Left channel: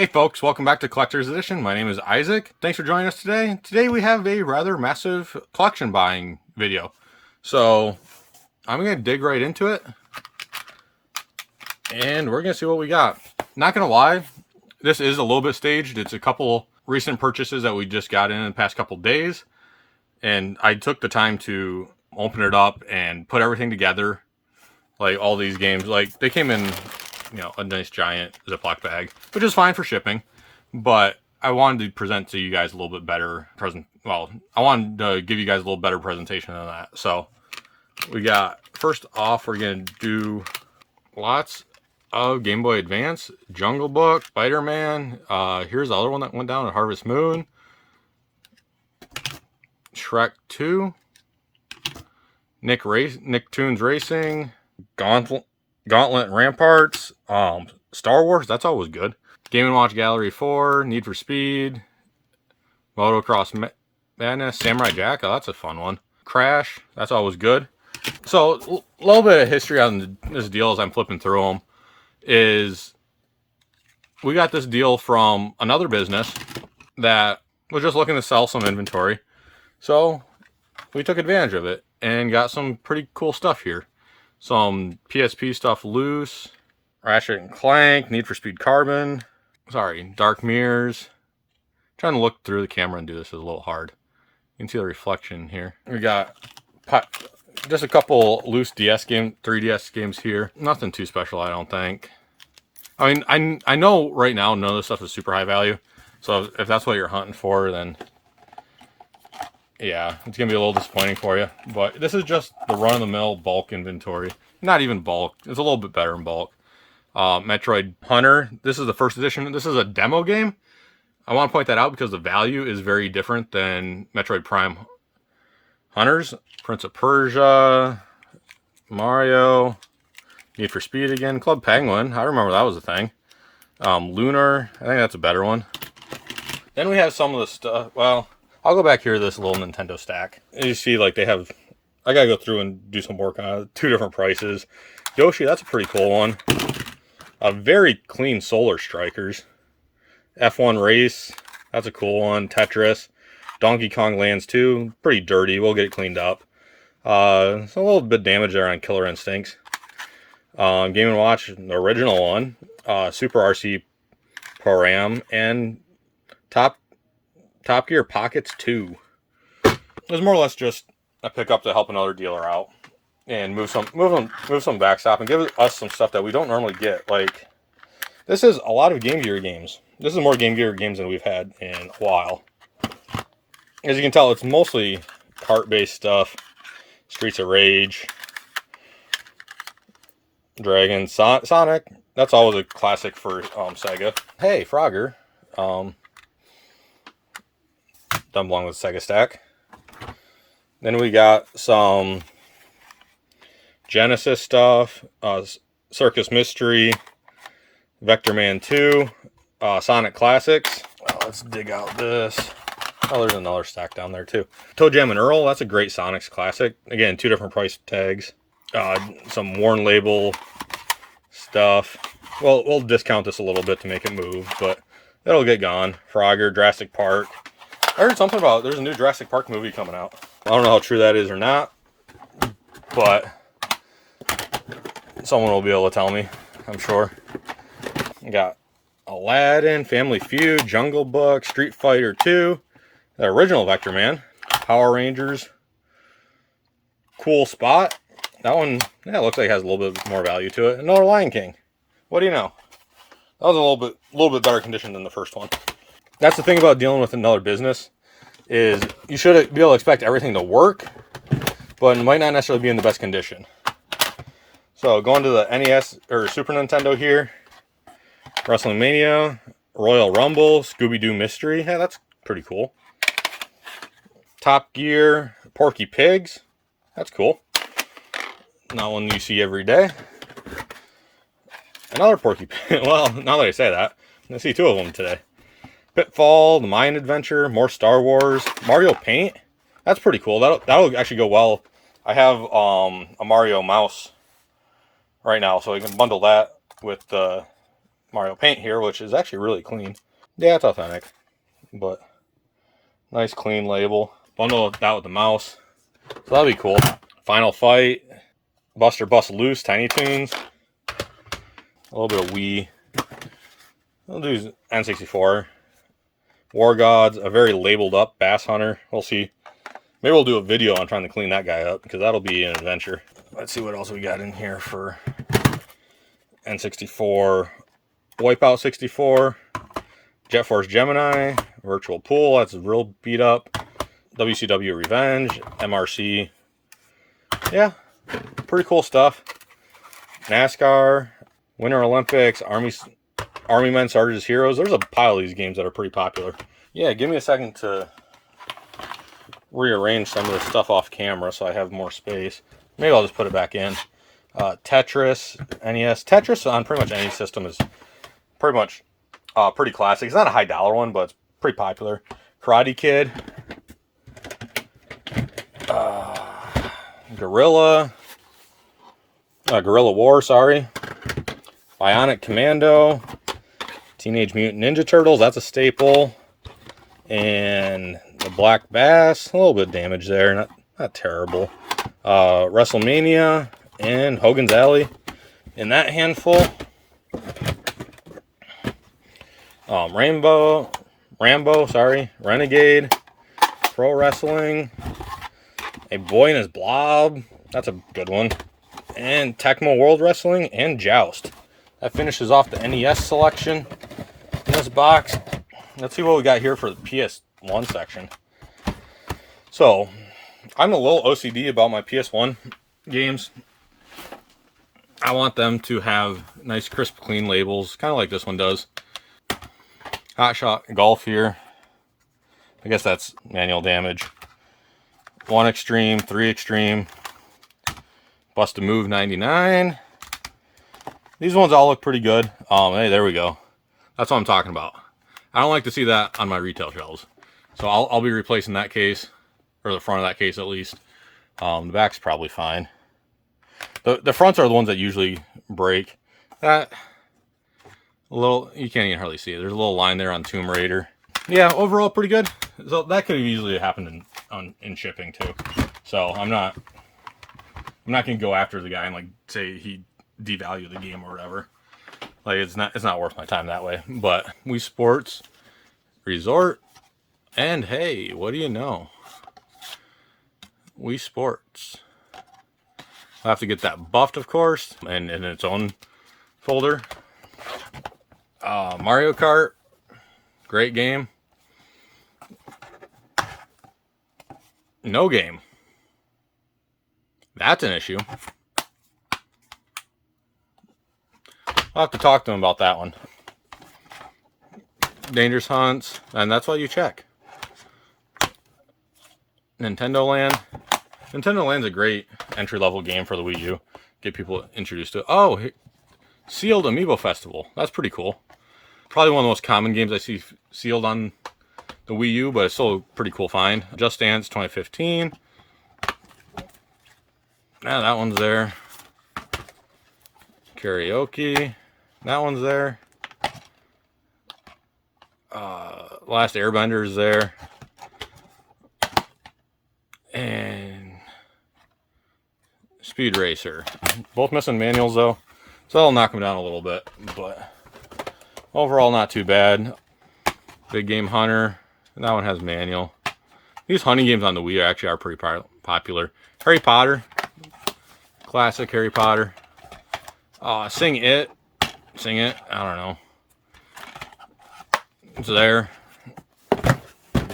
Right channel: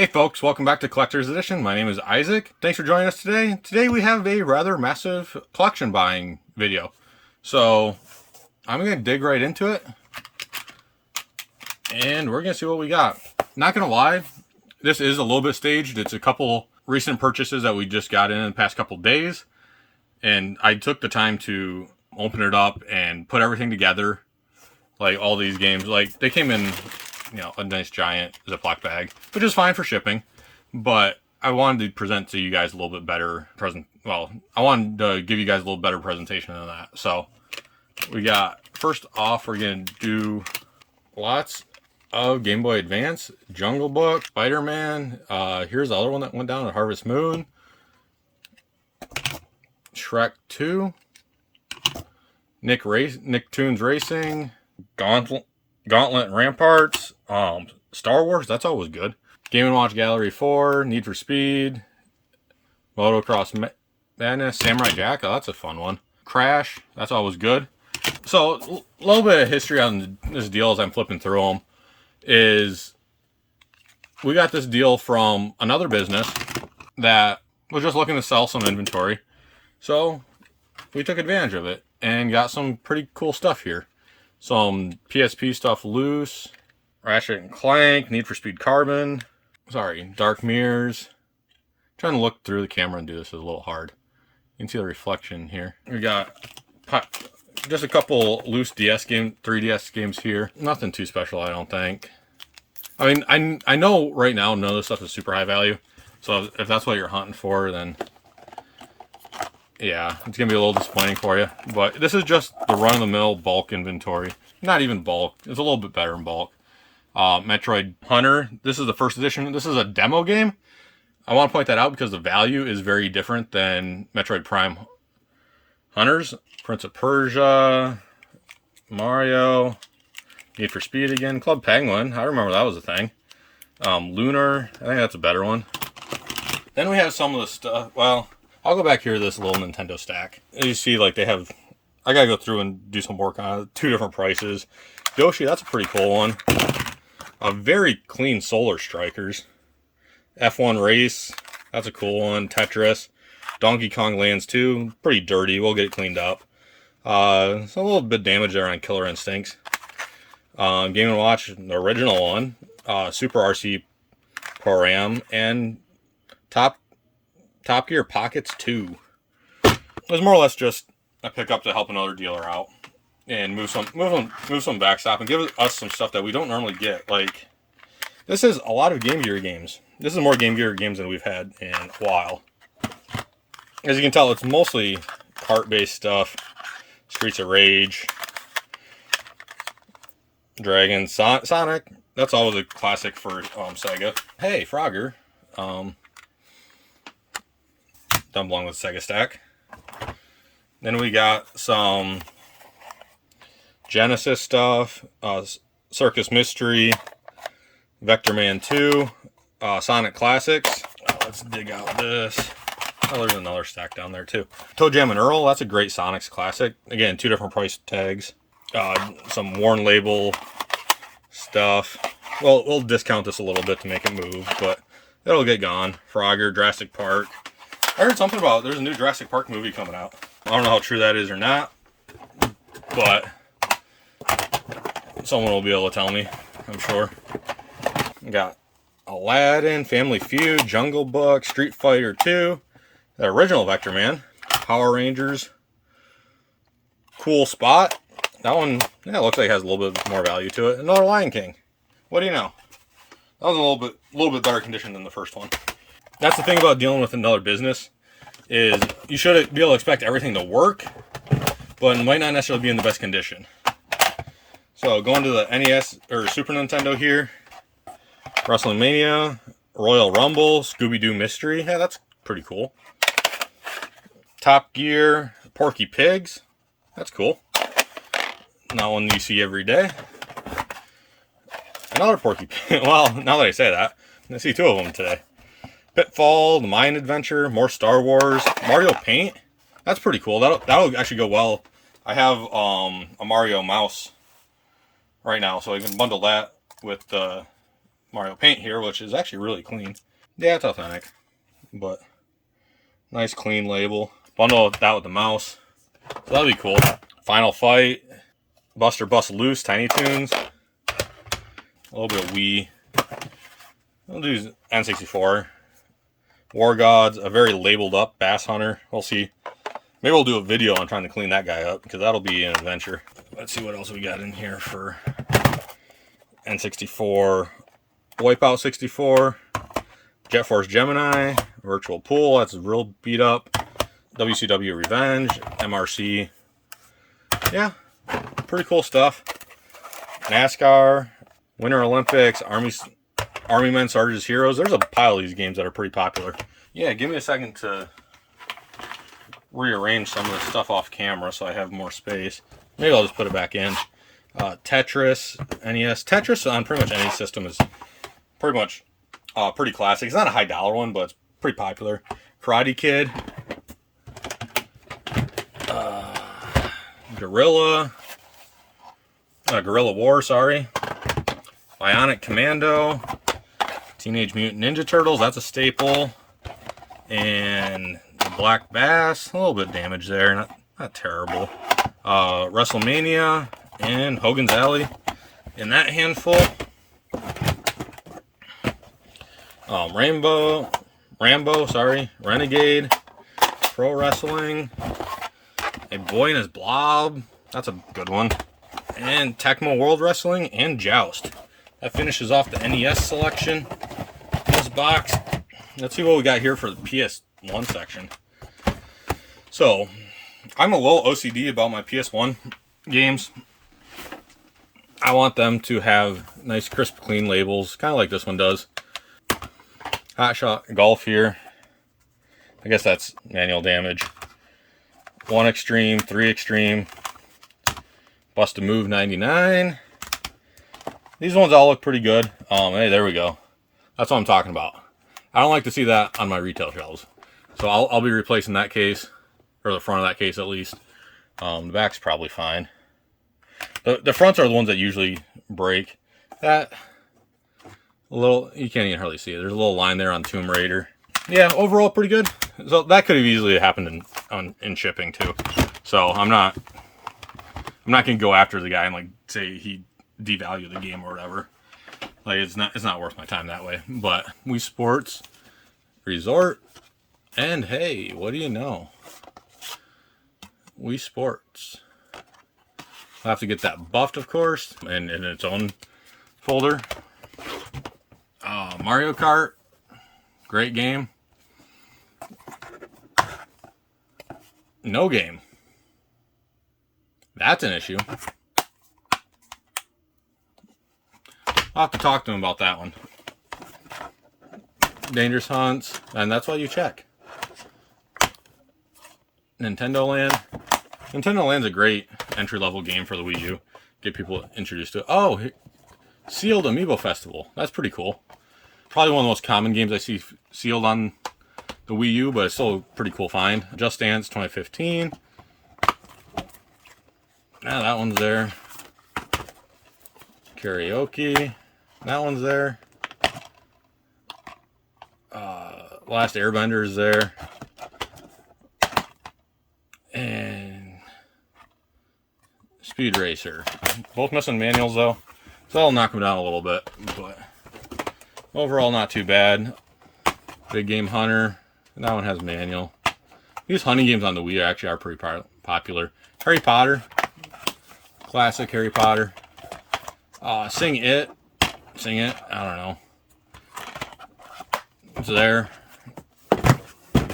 Hey folks, welcome back to Collector's Edition. My name is Isaac. Thanks for joining us today. Today we have a rather massive collection buying video. So I'm going to dig right into it and we're going to see what we got. Not going to lie, this is a little bit staged. It's a couple recent purchases that we just got in the past couple days. And I took the time to open it up and put everything together. Like all these games, like they came in, a nice giant Ziploc bag, which is fine for shipping. But I wanted to present to you guys a little bit better I wanted to give you guys a little better presentation than that. So we got, first off, we're going to do lots of Game Boy Advance, Jungle Book, Spider-Man. Here's the other one that went down at Harvest Moon. Shrek 2. Nicktoons Racing. Gauntlet and Ramparts. Star Wars, that's always good. Game & Watch Gallery 4. Need for Speed. Motocross Madness. Samurai Jack, oh, that's a fun one. Crash, that's always good. So, a little bit of history on this deal as I'm flipping through them is we got this deal from another business that was just looking to sell some inventory. So, we took advantage of it and got some pretty cool stuff here. Some PSP stuff loose. Ratchet and Clank, Need for Speed Carbon. Dark Mirrors. Trying to look through the camera and do this is a little hard. You can see the reflection here. We got just a couple loose 3DS games here. Nothing too special, I don't think. I mean, I know right now none of this stuff is super high value. So if that's what you're hunting for, then yeah, it's going to be a little disappointing for you. But this is just the run-of-the-mill bulk inventory. Not even bulk. It's a little bit better in bulk. Metroid Hunter. This is the first edition. This is a demo game. I want to point that out because the value is very different than Metroid Prime Hunters. Prince of Persia. Mario. Need for Speed again. Club Penguin. I remember that was a thing. Lunar. I think that's a better one. Then we have some of the stuff. Well, I'll go back here to this little Nintendo stack. You see, like, they have... I gotta go through and do some work on it. 2 different prices. Yoshi, that's a pretty cool one. A very clean Solar Strikers. F1 Race, that's a cool one. Tetris. Donkey Kong Lands 2, pretty dirty. We'll get it cleaned up. It's a little bit damage there on Killer Instincts. Game & Watch, the original one. Super RC Pro-Am. And Top Gear Pockets 2. It was more or less just a pickup to help another dealer out and move some backstop and give us some stuff that we don't normally get. Like, this is a lot of Game Gear games. This is more Game Gear games than we've had in a while. As you can tell, it's mostly kart-based stuff. Streets of Rage, Dragon, Sonic. That's always a classic for Sega. Hey, Frogger. Done belong with Sega Stack. Then we got some Genesis stuff, Circus Mystery, Vector Man 2, Sonic Classics. Let's dig out this. Oh, there's another stack down there too. Toe Jam and Earl, that's a great Sonics classic. Again, 2 different price tags. Some Warn Label stuff. Well, we'll discount this a little bit to make it move, but it'll get gone. Frogger, Jurassic Park. I heard something about there's a new Jurassic Park movie coming out. I don't know how true that is or not, but someone will be able to tell me, I'm sure. We got Aladdin, Family Feud, Jungle Book, Street Fighter 2, the original Vector Man, Power Rangers, Cool Spot. That one, yeah, looks like it has a little bit more value to it. Another Lion King. What do you know? That was in a little bit better condition than the first one. That's the thing about dealing with another business, is you should be able to expect everything to work, but it might not necessarily be in the best condition. So going to the NES or Super Nintendo here, Wrestling Mania, Royal Rumble, Scooby-Doo Mystery. Yeah, that's pretty cool. Top Gear, Porky Pigs. That's cool. Not one you see every day. Another Porky Pig. Well, now that I say that, I see 2 of them today. Pitfall, The Mayan Adventure, more Star Wars, Mario Paint. That's pretty cool. That'll actually go well. I have a Mario mouse right now, so I can bundle that with the Mario Paint here, which is actually really clean. Yeah, it's authentic, but nice clean label. Bundle that with the mouse, so that'll be cool. Final Fight, Buster Bust Loose, Tiny Toons, a little bit of Wii. We'll do N64. War Gods, a very labeled up Bass Hunter. We'll see. Maybe we'll do a video on trying to clean that guy up, because that'll be an adventure. Let's see what else we got in here for N64. Wipeout 64. Jet Force Gemini. Virtual Pool, that's real beat up. WCW Revenge. MRC. Yeah, pretty cool stuff. NASCAR. Winter Olympics. Army Men, Sarge's Heroes. There's a pile of these games that are pretty popular. Yeah, give me a second to rearrange some of this stuff off camera so I have more space. Maybe I'll just put it back in. Tetris, NES. Tetris on pretty much any system is pretty much pretty classic. It's not a high dollar one, but it's pretty popular. Karate Kid. Guerrilla War, sorry. Bionic Commando. Teenage Mutant Ninja Turtles, that's a staple. And the Black Bass, a little bit of damage there, not terrible. WrestleMania and Hogan's Alley in that handful. Rambo, sorry. Renegade, Pro Wrestling, A Boy and His Blob, that's a good one. And Tecmo World Wrestling and Joust. That finishes off the NES selection in this box. Let's see what we got here for the PS1 section. So, I'm a little OCD about my PS1 games. I want them to have nice, crisp, clean labels, kind of like this one does. Hot Shot Golf here. I guess that's manual damage. 1 Extreme, 3 Extreme. Bust a Move 99. These ones all look pretty good. Hey, there we go. That's what I'm talking about. I don't like to see that on my retail shelves. So I'll be replacing that case, or the front of that case at least. The back's probably fine. The fronts are the ones that usually break. That, a little, you can't even hardly see it. There's a little line there on Tomb Raider. Yeah, overall pretty good. So that could have easily happened in shipping too. So I'm not going to go after the guy and like say he devalued the game or whatever. Like it's not worth my time that way. But Wii Sports Resort, and hey, what do you know? Wii Sports. I'll have to get that buffed, of course, and in its own folder. Mario Kart, great game. No game. That's an issue. I'll have to talk to him about that one. Dangerous Hunts, and that's why you check. Nintendo Land. Nintendo Land's a great entry-level game for the Wii U. Get people introduced to it. Oh, Sealed Amiibo Festival. That's pretty cool. Probably one of the most common games I see sealed on the Wii U, but it's still a pretty cool find. Just Dance 2015. Yeah, that one's there. Karaoke. That one's there. Last Airbender is there. And Speed Racer. Both missing manuals though, so that'll knock them down a little bit, but overall not too bad. Big Game Hunter. That one has manual. These hunting games on the Wii actually are pretty popular. Harry Potter. Classic Harry Potter. Sing It. I don't know. It's there.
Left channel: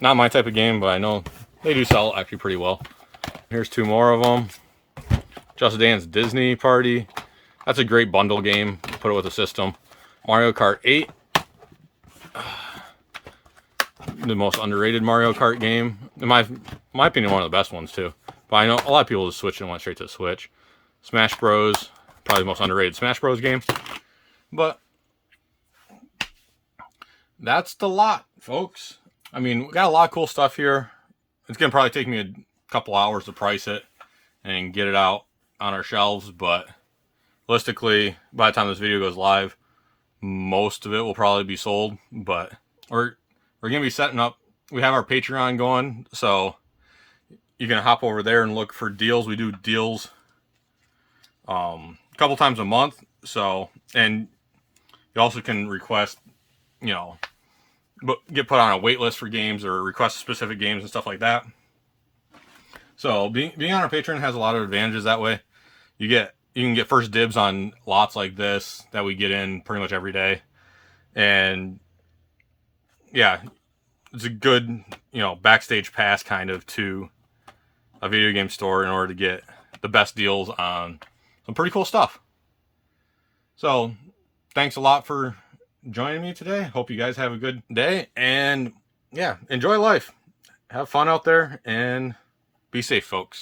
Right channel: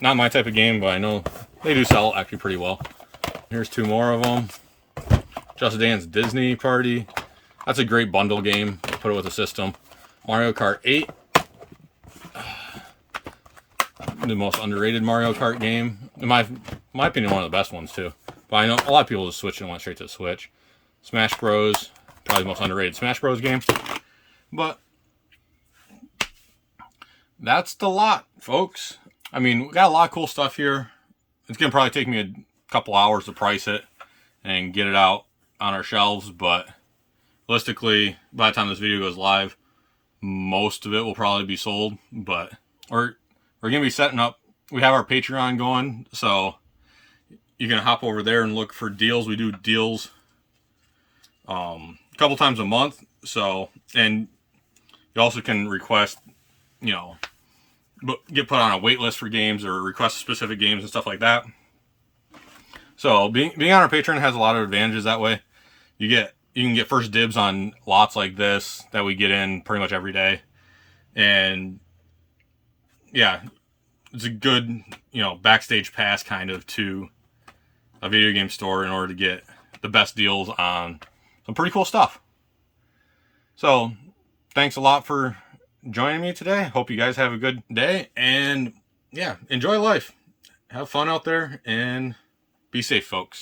Not my type of game, but I know they do sell actually pretty well. Here's two more of them. Just Dance Disney Party. That's a great bundle game. Put it with a system. Mario Kart 8. The most underrated Mario Kart game. In my opinion, one of the best ones too. But I know a lot of people just switched and went straight to the Switch. Smash Bros. Probably the most underrated Smash Bros. Game. But that's the lot, folks. I mean, we got a lot of cool stuff here. It's going to probably take me a couple hours to price it and get it out on our shelves. But realistically, by the time this video goes live, most of it will probably be sold, but we're gonna be setting up. We have our Patreon going, so you can hop over there and look for deals. We do deals a couple times a month. So, and you also can request, get put on a wait list for games or request specific games and stuff like that. So being on our Patreon has a lot of advantages that way. You can get first dibs on lots like this that we get in pretty much every day. And yeah, it's a good, backstage pass kind of to a video game store in order to get the best deals on some pretty cool stuff. So thanks a lot for joining me today. Hope you guys have a good day, and yeah, enjoy life. Have fun out there and be safe, folks.